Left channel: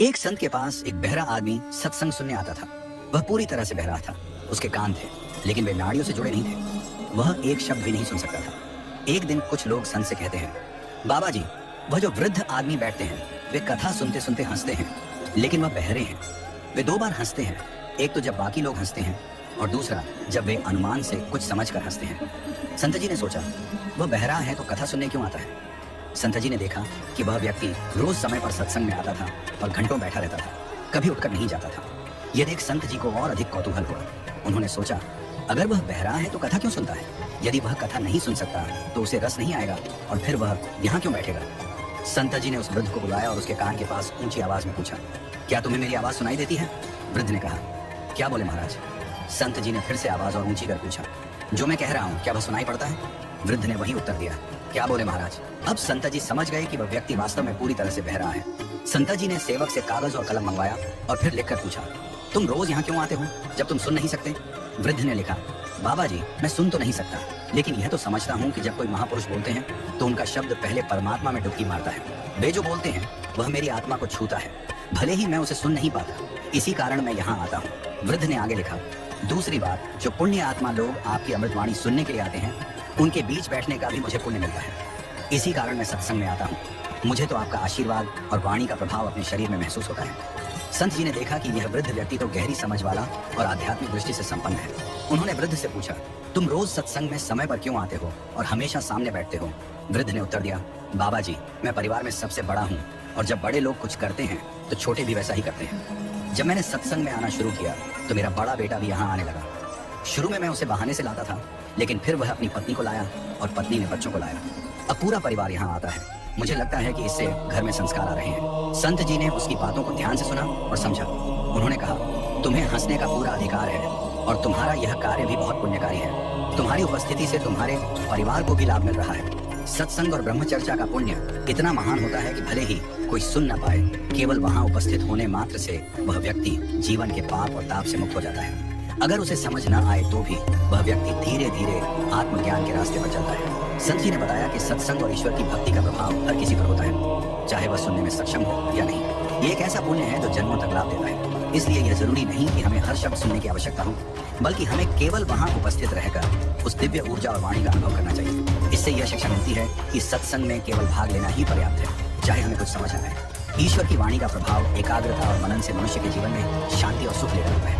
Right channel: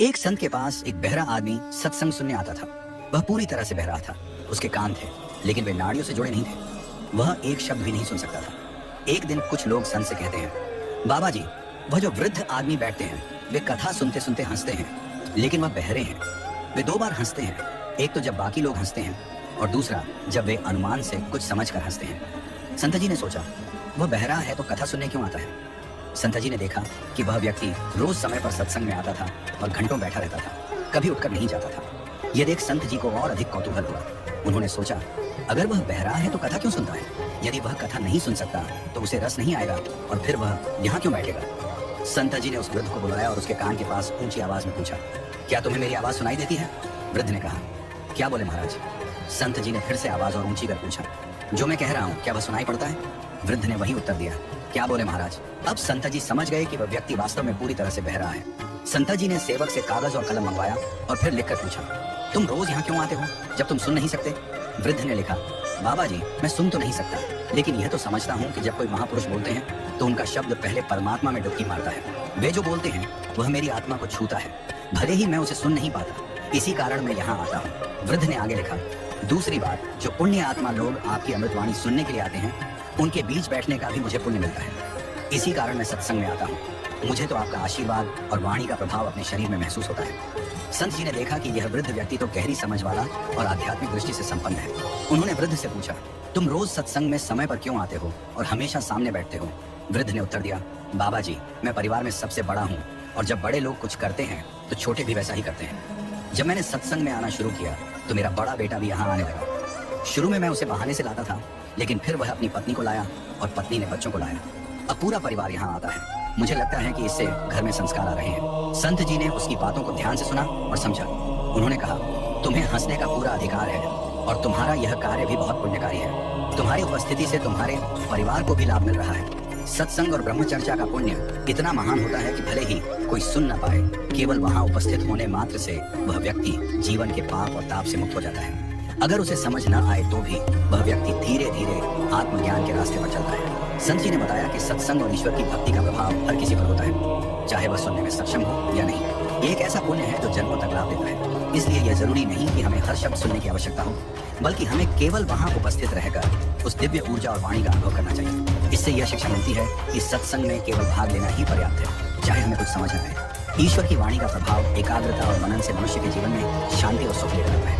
एक संत के पास एक बहरा आदमी सत्संग सुनने आता था। वह पूरी तरह से बहरा था। उसके कान थे, लेकिन वे नाड़ियों से जुड़े नहीं थे। वह एक शब्द भी नहीं सुन सकता था। एक दिन कुछ लोग संत से कहते हैं, बाबा जी, वह जो वृद्ध आदमी बैठते हैं, वे कथा सुनते सुनते हंसते हैं, लेकिन वह बहरे हैं। वे दो बार हंसते हैं, एक तो जब बाकी लोग हंसते हैं और दूसरा जब वे अनुमान से कुछ समझकर हंसते हैं। संत जी ने सोचा, वह बहरा है तो कथा सुनने क्यों आता है। संत जी ने देखा कि वह व्यक्ति रोज समय पर सत्संग में आता था और घंटों बैठा रहता था, कभी उठकर नहीं जाता था। यह देख संत जी को और अधिक कौतूहल हुआ। उन्होंने सोचा, अगर वह बहरा है तो कथा क्यों सुनता है। यदि वह कथा नहीं सुन सकता तो उसे रस नहीं आएगा और फिर वह यहाँ क्यों बैठेगा। संत जी ने उस वृद्ध को बुलाया और उसके कान के पास ऊंची आवाज में पूछा, क्या तुम्हें मेरी आवाज सुनाई देती है। वृद्ध ने कहा, क्या बोले महाराज। संत जी ने फिर से आवाज और ऊंची कर पूछा, जो मैं कह रहा हूँ क्या वह सुनाई पड़ता है। वृद्ध ने वही उत्तर दिया, क्या बोले महाराज। अब संत जी समझ गए कि वह व्यक्ति वास्तव में पूरी तरह से बहरा है। संत जी ने सेवक से कागज और कलम मंगवाया और फिर लिखकर पूछा, तुम रोज यहाँ क्यों आते हो जब तुम सुन नहीं सकते। वृद्ध ने लिखा, बाबा जी, मैं सुन तो नहीं सकता, लेकिन यह तो समझता हूँ कि जब कोई महापुरुष बोलते हैं तो उनका शब्द पहले परमात्मा में डुबकी मारता है। वे जो बोलते हैं वह मेरी आत्मा को छूता है, भले ही मैं उसे सुन नहीं पाता, इसी कारण मैं यहाँ आता हूँ। वृद्ध ने आगे लिखा, दूसरी बात, जो पुण्य आत्मा लोग आपकी अमृतवाणी सुनने के लिए आते हैं, उनके बीच बैठने का भी मुझे पुण्य मिलता है, इसी कारण मैं सत्संग में आता हूँ। मुझे तो आपका आशीर्वाद और वाणी का प्रभाव अपने शरीर में महसूस होता है। संत जी ने देखा कि यह वृद्ध व्यक्ति तो गहरी समझ वाला और आध्यात्मिक दृष्टि से संपन्न है। उन्होंने वृद्ध से पूछा, तुम रोज सत्संग में समय पर क्यों आते हो और हमेशा सामने बैठते हो। वृद्ध ने उत्तर दिया, बाबा जी, मैं परिवार में सबसे बड़ा हूँ और जब बड़े लोग कुछ करते हैं तो छोटे भी वैसा ही करते हैं। जब मैंने सत्संग में आना शुरू किया तो मेरा बड़ा बेटा भी यहाँ आने लगा। शुरू में मैं उसे बहाने से लाता था, लेकिन फिर वह अपनी पत्नी को लाया और पत्नी ने बच्चों को लाया। अब पूरा परिवार यहाँ आता है। मुझे लगता है कि इससे घर में संस्कार आ रहे हैं। संत जी ने उसकी बातों को ध्यान से सुना और समझा। उन्होंने कहा, तुम्हें हंसने का पूरा अधिकार है और तुम्हारा यह कार्य भी बहुत पुण्यकारी है। तुम्हारी उपस्थिति से तुम्हारे परिवार को भी लाभ मिल रहा है। सत्संग और ब्रह्मचर्या का पुण्य इतना महान होता है कि भले ही कोई सुन न पाए, केवल वहाँ उपस्थित होने मात्र से वह व्यक्ति जीवन के पाप और ताप से मुक्त हो जाता है। अगर उसे समझ न आए तो भी वह व्यक्ति धीरे धीरे आत्मज्ञान के रास्ते पर चलता है। संत जी ने बताया कि सत्संग और ईश्वर की भक्ति का प्रभाव हर किसी पर होता है, चाहे वह सुनने में सक्षम हो या नहीं। ये एक ऐसा पुण्य है जो जन्मों तक लाभ देता है। इसलिए यह जरूरी नहीं कि हमें हर शब्द सुनने की आवश्यकता हो, बल्कि हमें केवल वहाँ उपस्थित रहकर उस दिव्य ऊर्जा और वाणी का अनुभव करना चाहिए। इससे यह शिक्षा मिलती है कि सत्संग में केवल भाग लेना ही पर्याप्त है, चाहे हमें कुछ समझ न आए। ईश्वर की वाणी का प्रभाव एकाग्रता और मनन से मनुष्य के जीवन में शांति और सुख लेकर आता है।